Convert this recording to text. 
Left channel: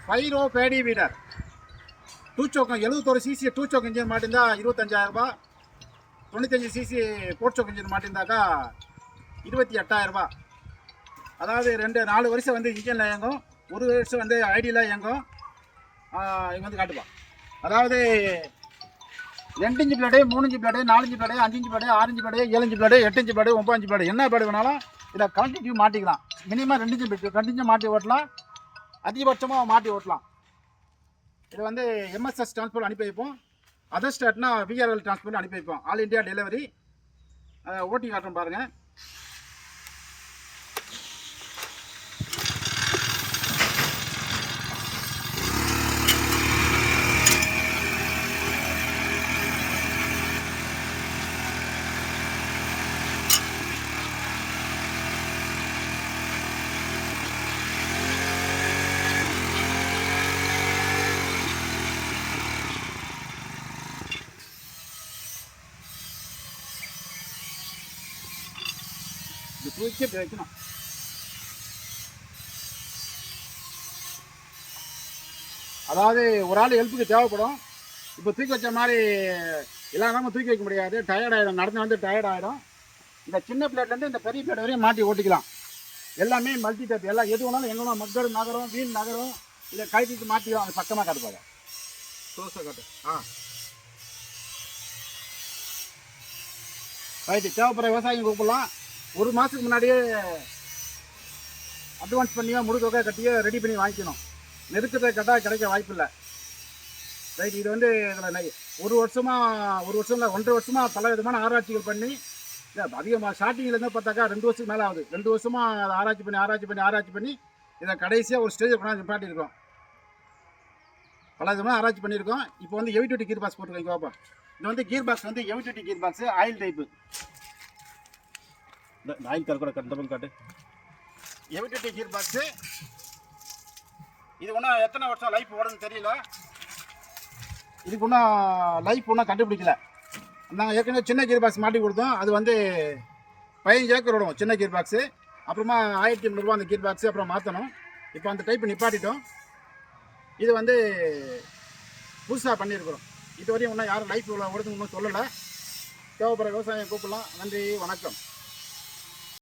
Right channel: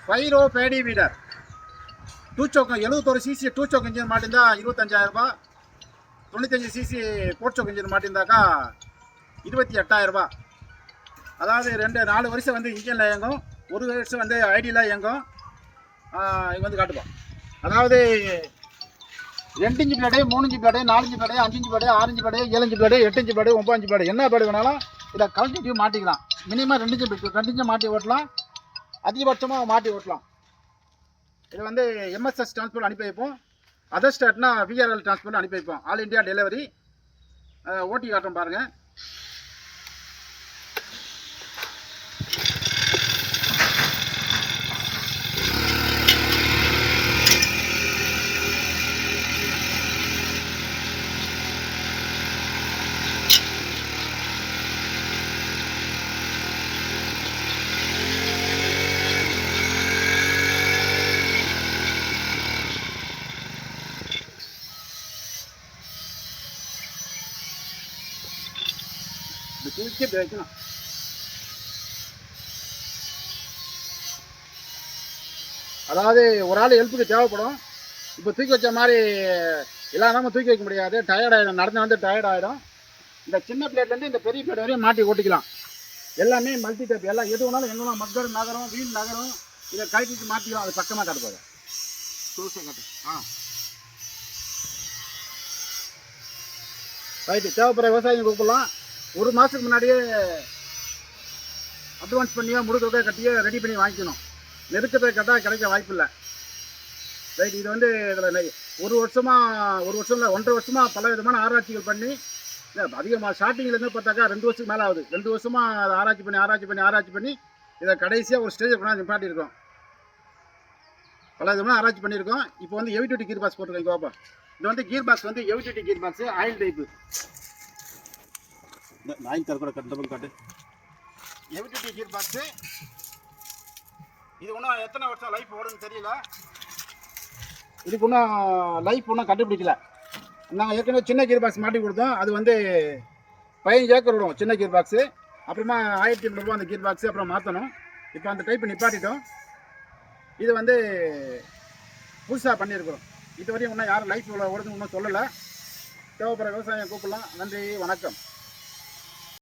ஃபைரோ Bedi வீடர் two choke 71 CC two choke engine மாட்டிருந்தா 25,000 ரூபாய். 95 CC four choke engine மாட்டிருந்தாக்கா 28,000 ரூபாய். அதாவது 4 வருஷம் வந்து இன்ஜினில் இயங்கும், 1 வருஷம் வந்து ஐடியில் இயங்கும். இது வந்து காட்டுப்பான். அதாவது 2 inch blade, 3 inch blade, 4 inch blade, 5 inch blade, 6 inch blade, 7 inch blade, 8 inch blade, 9 inch blade, என்ன பிளேடு வேணாலும் இதை கலெக்டிவ் மாட்டிக்கலாம். மினிமம் 2 இன்ச்சு மாட்டி ஓட்டலாம், அதிகபட்சமாக மாட்டி ஓட்டலாம். இது வந்து எம்எஸ்எஸ் டிரான்ஸ்போர்ட் அனுப்பி வைப்போம். அதர் ஸ்டேட்னா விஆர்எல் டிரான்ஸ்போர்ட் அனுப்பி வைப்போம். All India delivery. ஓட்டி காட்டுறோம் பாருங்கள். தூக்கி வைக்கணும். அதாவது ஒரு ஆள் ஹெல்ப்புக்கு தேவைப்படும். இப்போ தூக்கி வச்ச மாதிரி எல்லாரும் தூக்கி வைக்க முடியாது, டயர்ட் ஆகிடும், நடந்து வந்து டயர்ட் ஆகிடும். இந்த சின்ன பிளேட்லேருந்து இந்த பெரிய பிளேட் வரையும் மாட்டி ஓட்டிக்கலாம். எல்லாமே மல்டி டைப், எல்லாம் எது வேணாலும் எங்கே மக்கள் நகரம் வீண் நகரம் இதை கழட்டிட்டு மாற்றிக்கலாம். அது பக்கமாக காட்டுப்பாங்க. புதுசாக காட்டு. ரைட்டு. தேவைப்படுற விவசாயிங்க கூப்பிடலாம். 1 மாதத்துக்கு முன்னாடியே அட்வான்ஸ் பண்ணியோ முழுக்க கட்டியோ ரெடி பண்ணி வாங்கிக்கணும். நெருக்கத்தை கட்டால் கிடைக்க வாய்ப்பு இல்லை. ரைட். இது வந்து இதில் 1 வருஷமாக 1.5 வருஷமாக பல விதமான ஆராய்ச்சிகள் பண்ணி அதிகமாக ஸ்டார்டிங்லேருந்து பார்த்தாக்கா 2 வருஷத்துக்கு மேலே ஆகுது. 2 வருஷமாக அதை ஆராய்ச்சி பண்ணி இதை கடைசியாக ஒரு ஸ்டேஜை கொண்டாந்து நிப்பாட்டியிருக்கோம். பல விதமாக ஆராய்ச்சி பண்ணியிருக்கோம். இப்போ வந்து ஹெவி டியூட்டி கீர் பாக்ஸ் போட்டுருக்கோம். இப்போ இது வந்து கீர் பாக்ஸ் வந்து heavy duty gear box, oil type. இந்த ஆயில் கார் கூட கட்டணும் காட்டு. ஹெவி டியூட்டி கீர் பாக்ஸு. இது ஒன்றும் எத்தனை வருஷம் லைஃப் ஓடுன்னு தெரியல. இதுக்கு ஒன்றும் லைஃப் ஒன்றும் கண்டுபிடிக்கல. நாங்கள் ஏற்கனவே சின்ன கீர் பாக்ஸ் மாட்டி கொடுத்தோம். அது வந்து 15 ஏக்கர் விடும் சின்ன கீர் பாக்ஸு. அப்புறமா 1,800 ரூபா அந்த கீர் பாக்ஸு அப்புறம் மாற்றணும். இப்போ அந்த டைப் நிப்பாட்டிட்டோம். இது வந்து புதுசாக பண்ணியிருக்கிறோம். இதுவரையும் இன்னும் யாரும் லைஃப் ஓடுதுன்னு இன்னும் சொல்லலை. தேவைப்படுற விவசாயம் கூப்பிடலாம். நன்றி, வணக்கம்.